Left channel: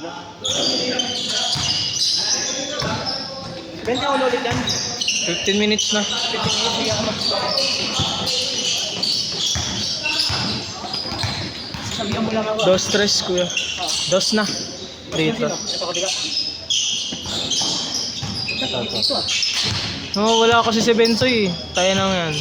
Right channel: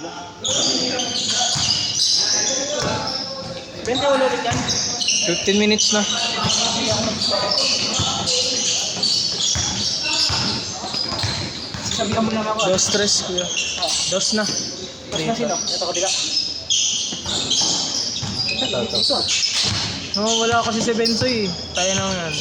20 ulit yan. 15 minutes na. Sabihan mo lang ako. Dos tres kuya. Dos na. Dito. Ito ko diga. Oh, wala kasi si Bensoy eh. Tayo na yan.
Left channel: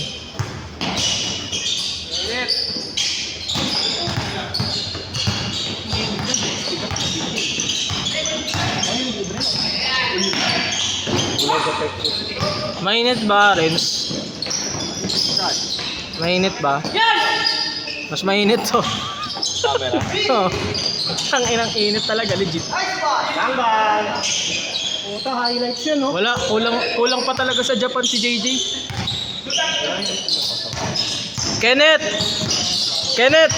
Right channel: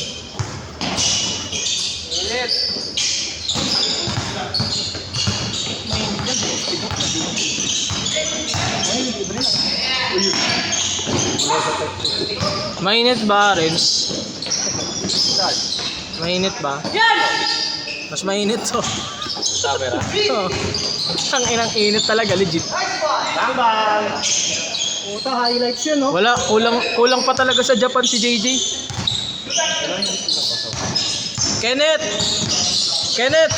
Mainit ba, Renz? Mainit ba? Mas mainit to. Ang inang init talaga, legit. Bang! Puta, highlights yun, no? Wala, kulang pa talaga sa Japan si JJ. Kenneth! Kenneth!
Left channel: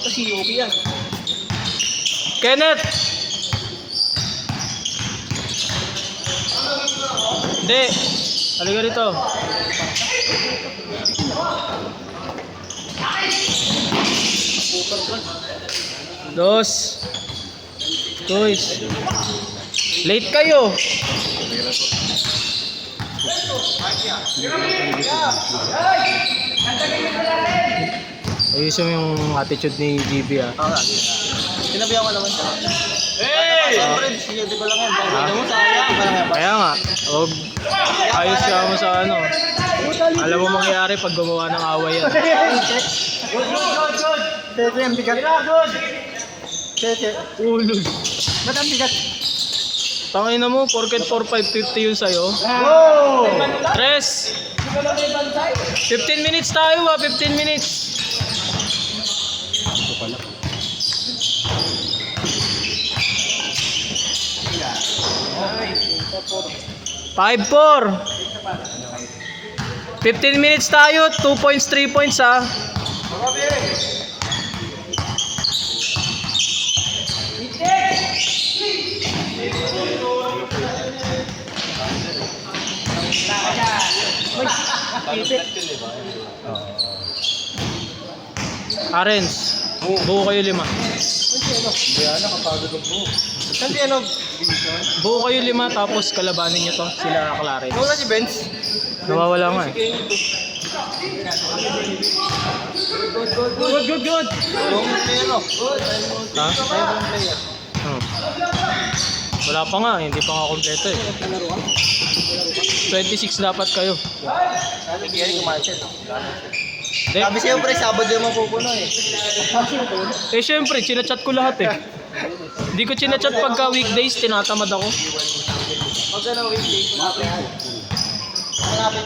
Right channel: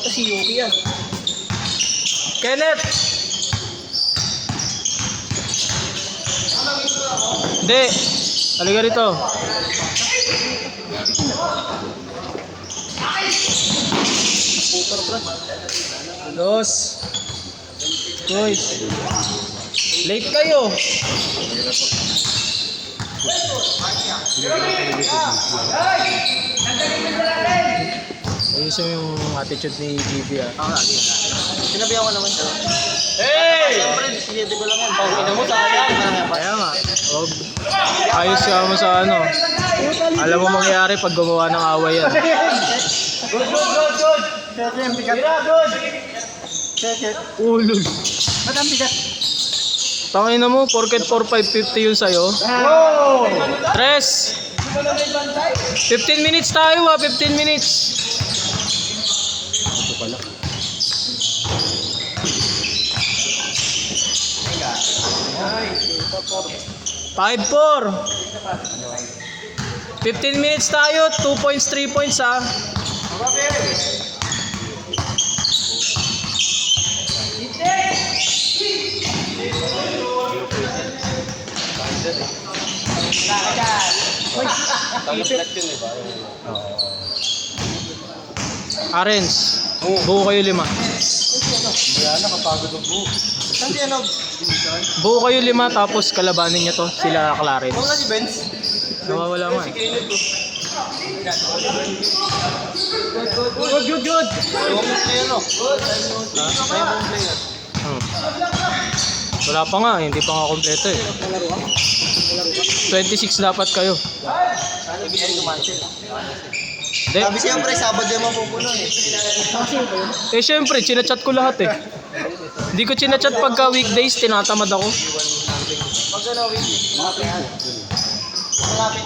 Ito si Yuki yan. Kenneth! Hindi. Halika rito. Dos. Guys. Late kayo. Ayusin mo yung attitude ni GB ah. Sinabihan ko naman talaga. Hey! Siyempre, sinidi ko lang yan. Pero hindi mo sa kanya ko lang yan. Kaya nga. Huwag ayos ka mo sa ano. Alam mo mangyayari pag gumawa ng away yan. Good. Kaya yung bigat. Good. Kaya. Ulog. Ba't ang bigat? Tangina mo, porket 4,550 yun sa'yo. Wow! Tres! 15 minutes tayo 15 minutes. 5-4. 15 minutes tayo, 2 points, 3 points ha. Arens, buo kayo 5. Bayan, nakapagod ang buo. Hindi ano? Buo kayo 5 tapos kalabanin niyo to, sila Clarence. Wala si Benz. Nawawala nga eh. Good. Ewan mo player, no? Ha? Ewan mo player. Wala pa nga, hindi pa nga kompleto eh. 26 dapat kayo. Ano bigyan yung Marshall? De, Sabi siyempre, Sabado yung mapupuno eh. eh syempre, chinachat ko lahat eh. Hindi ko chinachat pagka weekdays, tinatamad ako. Magkano weekly? Malapit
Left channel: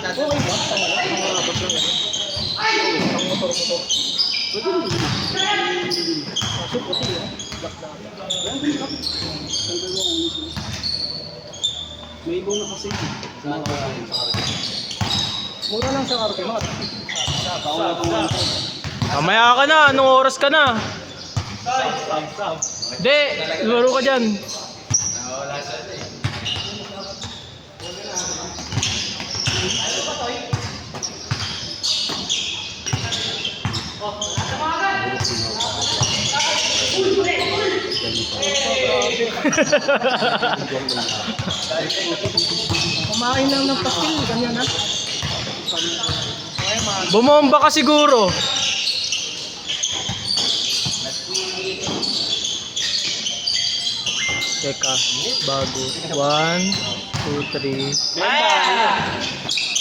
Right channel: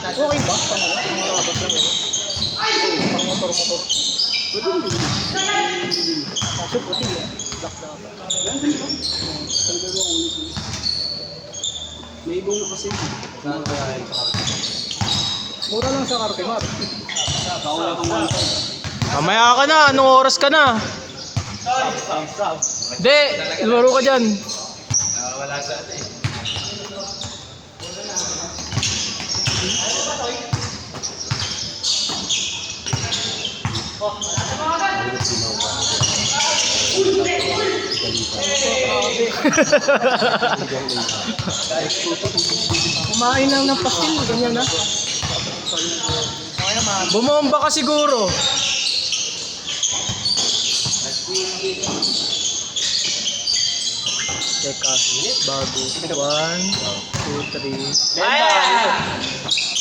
na. Okay ba? Malapit lang yan. Ang motor. Kaso puti yan. May ibong na kasi. Mura lang sa Carpemar. Mamaya ka na, anong oras ka na? De, laro ka dyan. Kumain lang ng pastil, ganyan na. Bumomba ka siguro. Teka, bago. 1, 2, 3.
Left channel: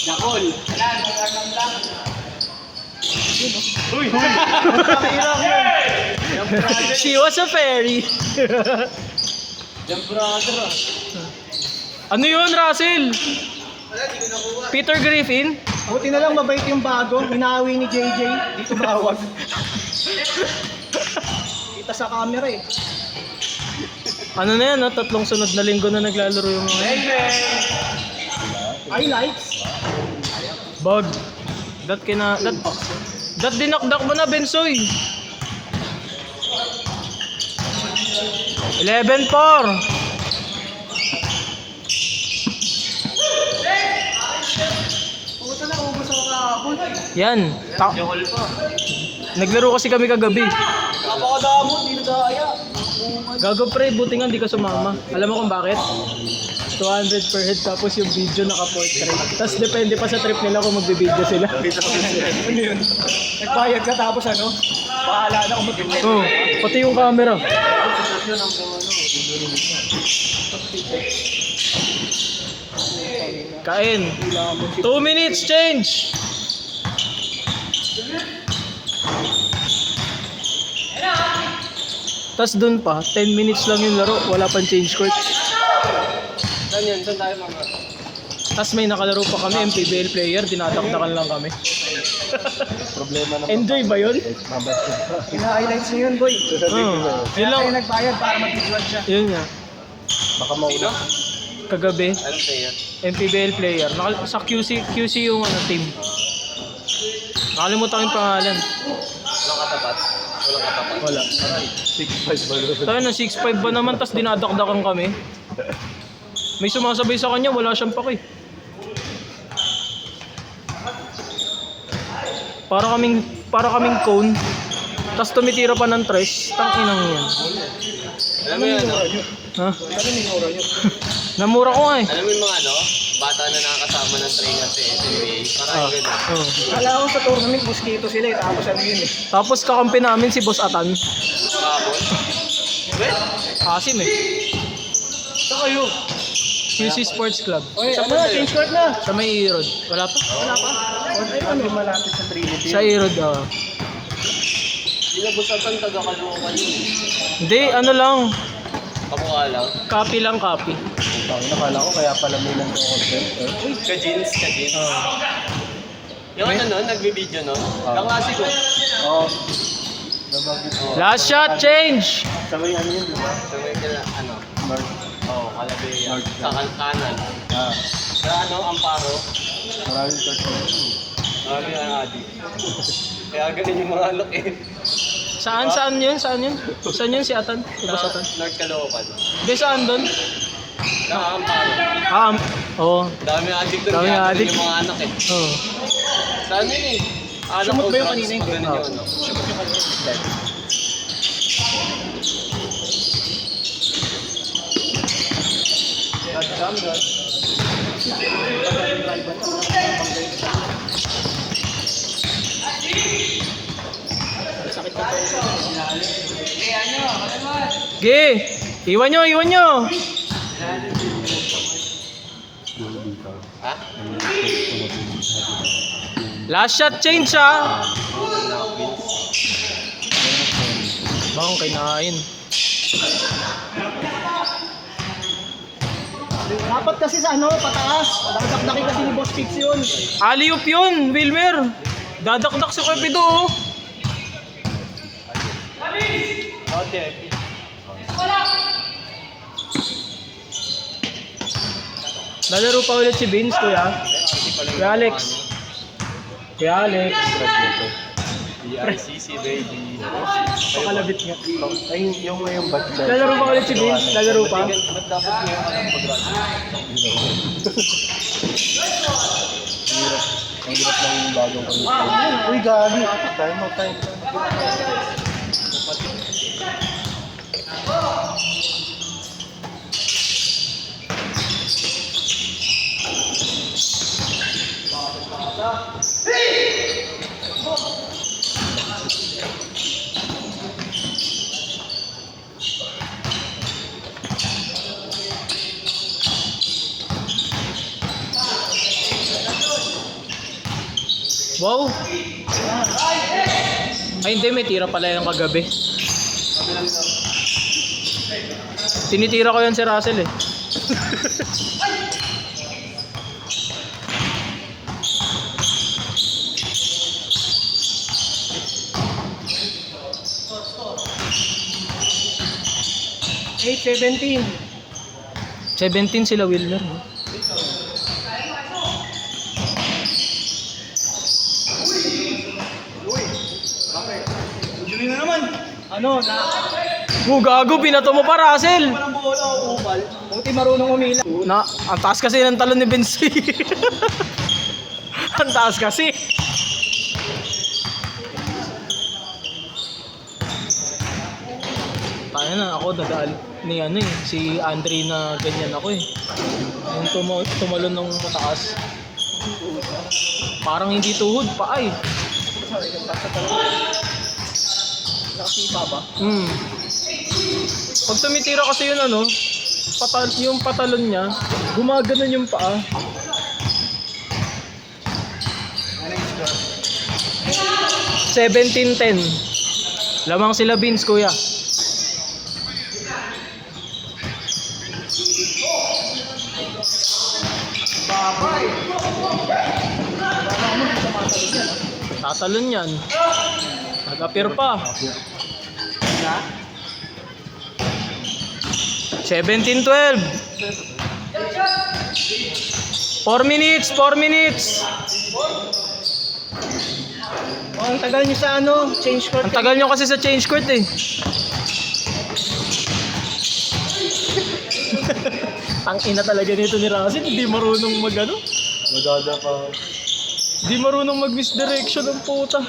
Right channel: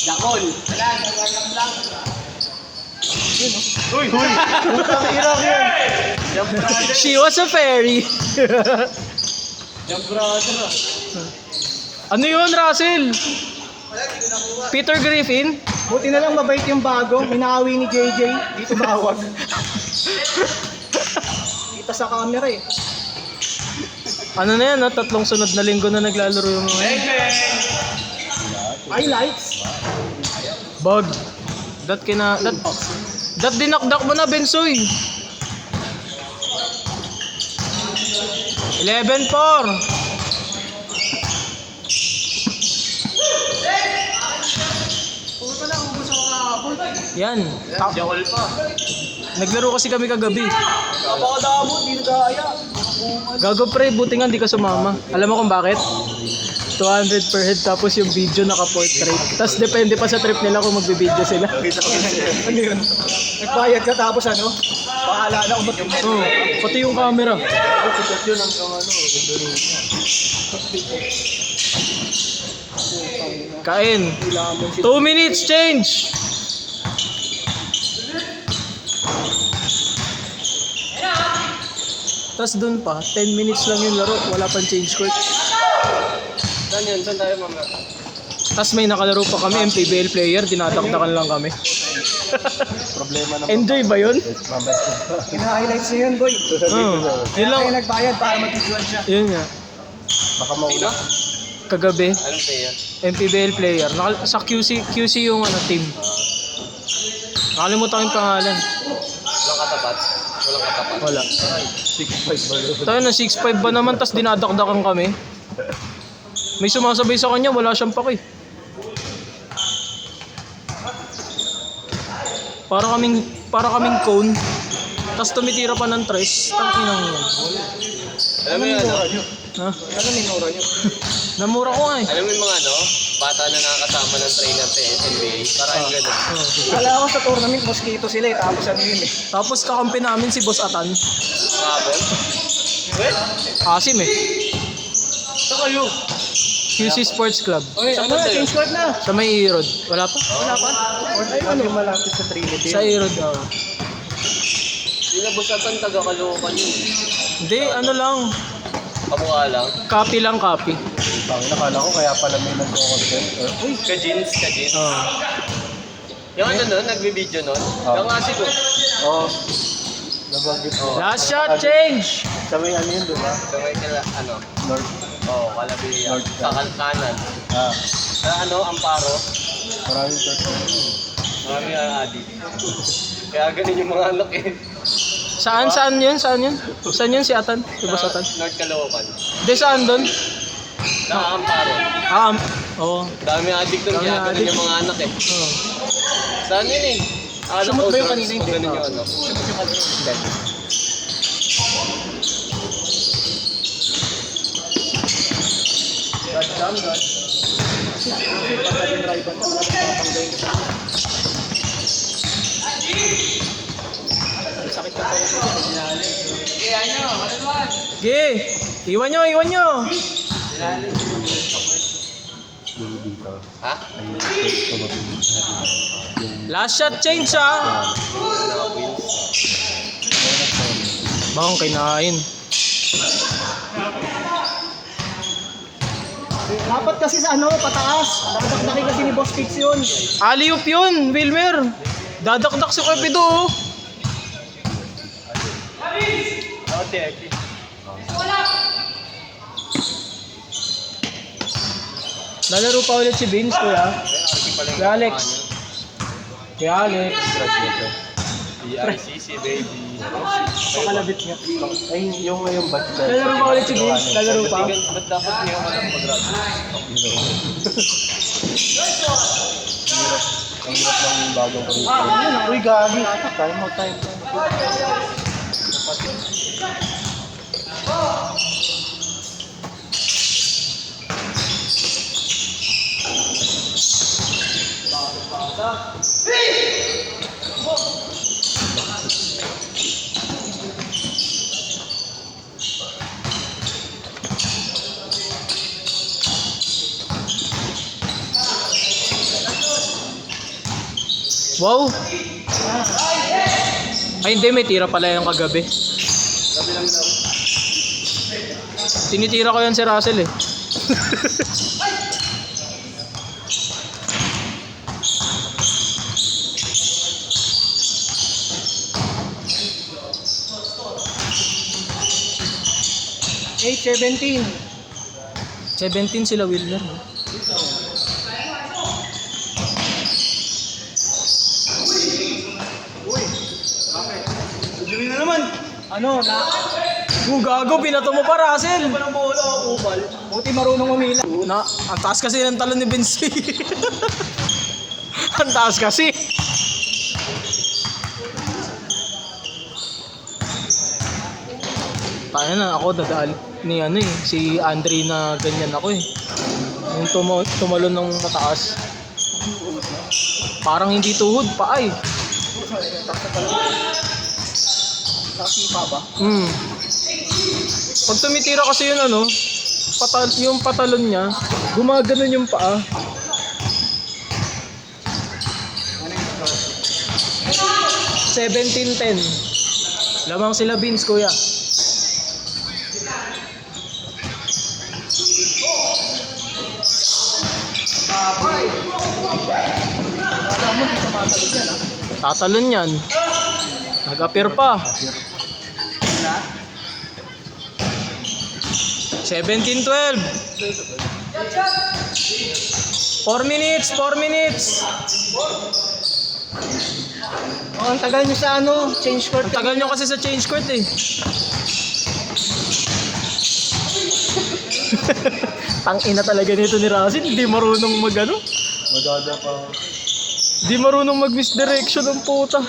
Dakol. She was a fairy. Yung brother. Ano yun, Russell? Peter Griffin? Buti na lang mabait yung bago. Hinaawi ni JJ. Dito bawag. Kita sa camera eh. Ano na yan, no? 3 sunod na linggo na naglalaro yung mga yan. Highlights. Bag. Dat dinakdak mo na, Bensoy. 11-4. Yan. Naglaro kasi kami kagabi. Napakadamo, hindi nagkaya. Gago pre, buti nga hindi ka sumama. Alam mo kung bakit? 200 per head tapos yung video naka-portrait. Tapos depende pa sa trip nila kung magbe-video sila. Ano yun? Nagbayad ka tapos ano? Bahala na kung mag-invent. Oo, pati yung camera. Kain. 2 minutes change. Tapos dun pa, 10 minutes lang yung laro, wala pang change court. Saan yan? Saan tayo mga? Tapos may nakalaro pa kami, MPBL player, dinadakdakan lang kami. Problema naman. Enjoy ba yun? Mabait ko. Pina-highlights na yun, boy. Oo, yun lang. Kaya nagbayad para mag-vlog siya. Yun nga, Baka mauna. kagabi, Anong player? MPBL player. Sa QC yung ano, team. Nakalimutan ko yung pangalan. Walang katapat. Walang katapat. Wala. 6'5 ba doon? Tayo na 6'5 ba naman, tas dinadakdakan kami. May sumasabay sa kanya, wala siyang paki. Para kaming cone. Tas tumitira pa ng tres. Tanginang yan. Alam mo yung aura nyo? Ha? Alam mo yung aura nyo? Namura ko nga eh. Alam mo yung mga ano? Bata na nakakasama ng trainer sa NBA. Parang gano'n. Oo. Kala ko sa tournament, mosquito sila eh. Tapos ano yun eh. Tapos kakampi namin si Boss Atan. Kahapon. Well, Asim eh. sa kayo. QC Sports Club. Oy, ano na? Change court na. Sa may Erod. Wala pa? Wala pa? Ay, ano? Malapit sa Trinity. Sa Erod. Hindi na busatan taga-Caloocan yun. Hindi, ano lang. Kamukha lang. Copy lang, copy. Tangin, nakala ko kaya pala may nagko-content. Uy, ka-jeans, ka-jeans. Oo. Yung ano nun, nagbe-video nun? Yung kasi ko. Oo. Last shot, change! Sabi ano yun, diba? Sabay sila, ano? North. Oo, Calabria. Sa kanan. Ah, Sa ano, Amparo. maraming content. Marami ang adik. Kaya ganun yung mga anak eh. Saan yun? Saan yun si Atan? Si Boss Atan? North Caloocan. Di saan doon? Sa Amparo. Oo. Dami ang adik doon. Dami Kaya ang ganun adik. yung mga anak eh. Oo. Saan yun eh? Anak Sumot ko, ba yung drugs, kanina yung ganun gitna? yung ano. Sumot yung kanina. Ge! Iwan nyo! Ha? Last shot, change Bang kinain. Dapat kasi sa ano, pataas. Dakdak kasi ni Boss Pix yun. Alley-oop yun, Wilmer. Dadakdak si Cupido. Oh. Okay. Lalaro pa ulit si Vince, kuya. Kuya Alex. ERCC baby. Pakalabit nga. Ay, yung batch na. Lalaro pa ulit si Vince. Lalaro pa. Ba't dapat mo yung alam mag-graduate? Ang hirap ng bagong curriculum. Uy, gagi. Time out. Wow! Ay hindi, may tira pala yung kagabi. Tinitira ko yan si Russell eh. Hey, 17. 17 sila Wilmer. No? Sabi na naman. Ano, na... Gago, pinato mo pa Russell! Walang bola, upal. Buti marunong umila. Ang taas kasi ng talon ni Benzi. Ang taas kasi. Kaya na ako dadaan ni ano eh, si Andre na ganyan ako eh. Yung tumalon ng mataas. Parang hindi tuhod pa ay. Nakasipa ba? Pag tumitira kasi yun ano, yung patalon niya, gumaganon yung paa. Ano 17-10. Lamang sila Beans, kuya. Tatalon yan. Nag-appear pa. 17-12. 4 minutes, 4 minutes. Oh, ang tagal niyo sa ano, change court. Ang tagal nyo kasi sa change court eh. Ang ina talaga nito ni Rasin, hindi marunong mag ano. Madada pa. Hindi marunong mag misdirection ng puta.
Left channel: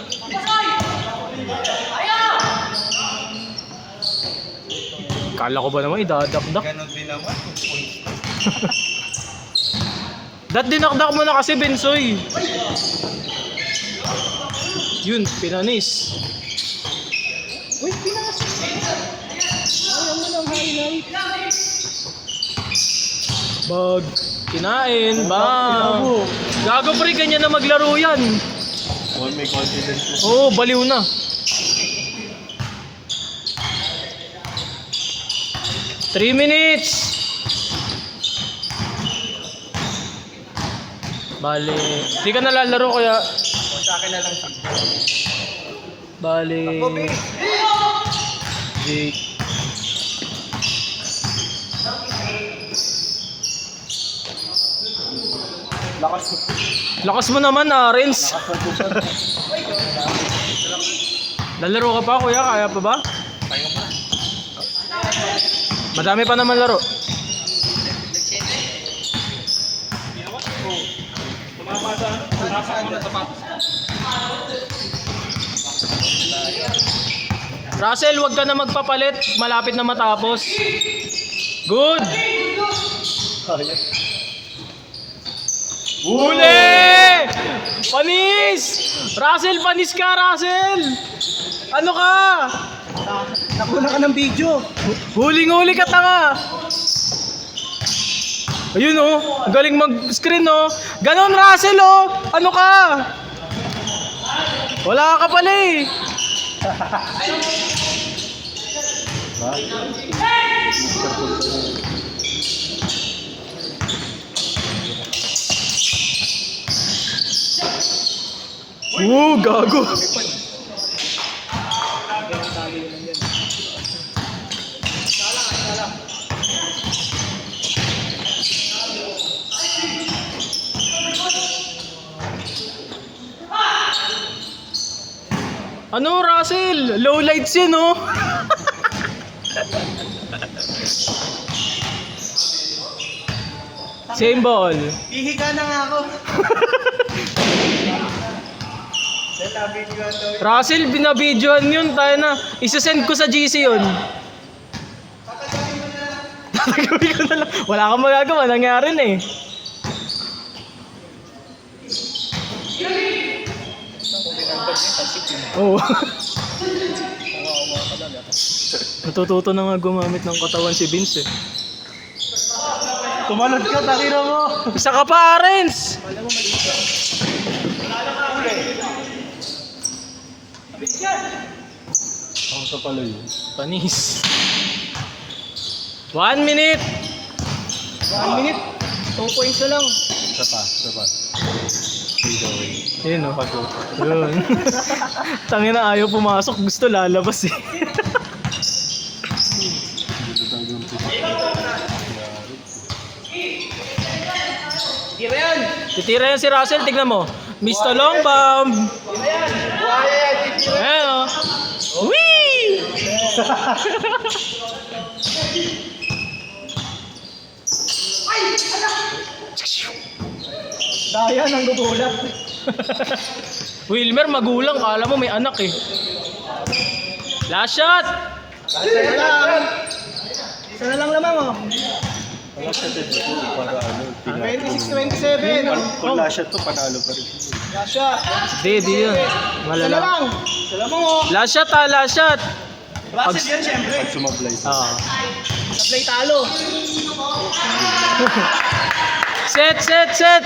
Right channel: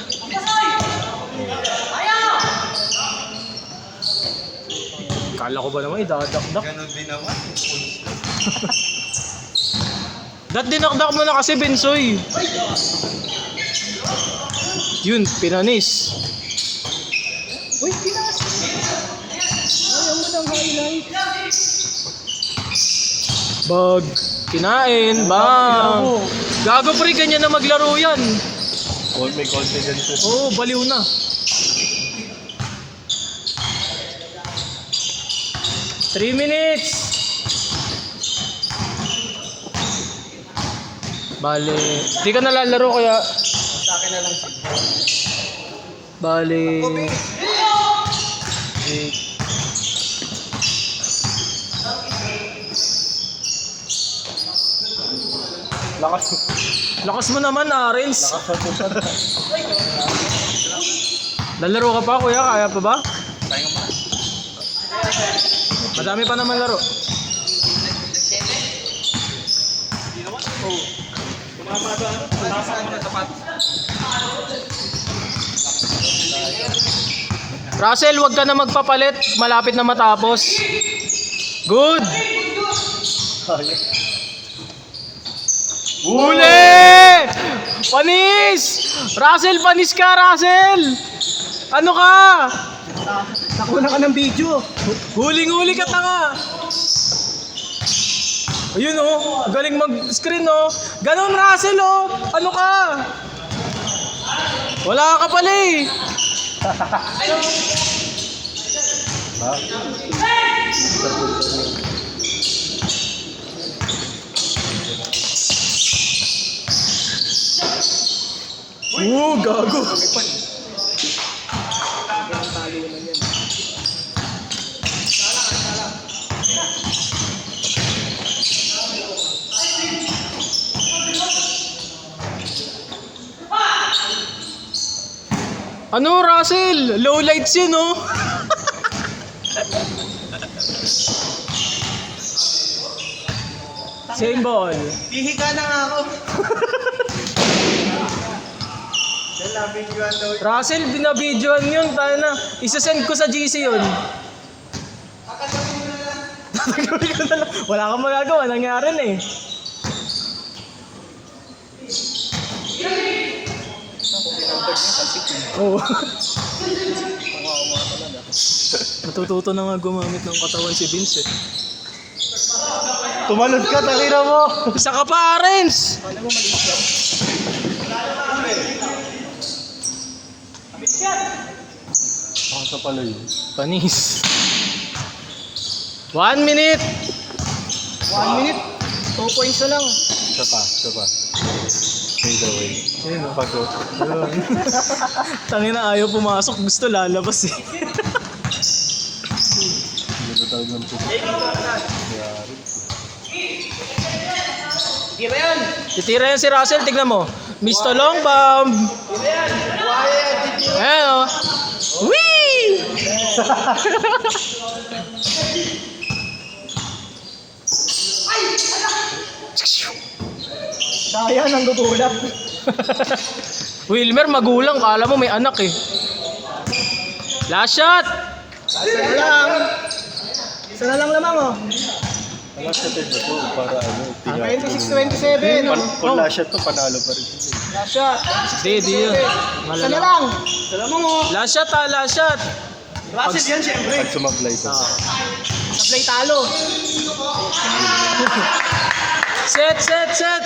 Kala ko ba naman idadakdak? Ganon din naman. Dinakdak mo na kasi Bensoy. Yun, pinanis. Uy, pinas! Ayaw mo ng highlight. Bag, kinain, bang. Gago pre, ganyan na maglaro yan. Oh, may confidence. Oo, baliw na. Three minutes. Bale, di ka nalalaro kaya. Sa akin na lang siguro. Bale. Jake. Lakas. Lakas mo naman Renz. Lalaro ka pa kuya, kaya pa ba? Madami pa naman laro. Russell, wag ka na magpapalit. Malapit na matapos. Good! Hayop. Huli! Panis! Russell, panis ka, Russell! Ano ka? Nakuna ka ng video. Huling-huli ka tanga! Ayun oh, galing mag-screen oh. Ganon Russell oh! Ano ka? Wala ka pala eh! Ha? Gago! Ano Russell? Low lights yun oh! Same ball. Hihiga na nga ako. Russell, binabidyoan yun. Tayo na. Isasend ko sa GC yun. Tatagawin ko na lang. Wala kang magagawa. Nangyari na eh. Oo. Natututo na nga gumamit ng katawan si Vince eh. Tumalod ka, takira mo. Isa ka pa, Arens! Ako sa pala yun. Panis. 1 minute! 1 minute. 2 points na lang. Isa pa. Dito. Ayun o. Yun. Tangina ayaw pumasok. Gusto lalabas eh. Dito talaga ng puso. Titira yan si Russell. Tignan mo. Mr. Long Bomb. Ayan o. Whee! Daya nang gugulap. Wilmer, magulang. Kala mo may anak eh. Last shot. Isa lang. Isa na lang lamang oh. Wala siya dito para ano. 26-27. Kung wala siya to, panalo pa rin. Last shot. Di yun. Isa na Malala. lang. Isa lang mo. Last shot ha, last shot. Last shot yan syempre. At sumablay to. Sablay talo. Set, set, set.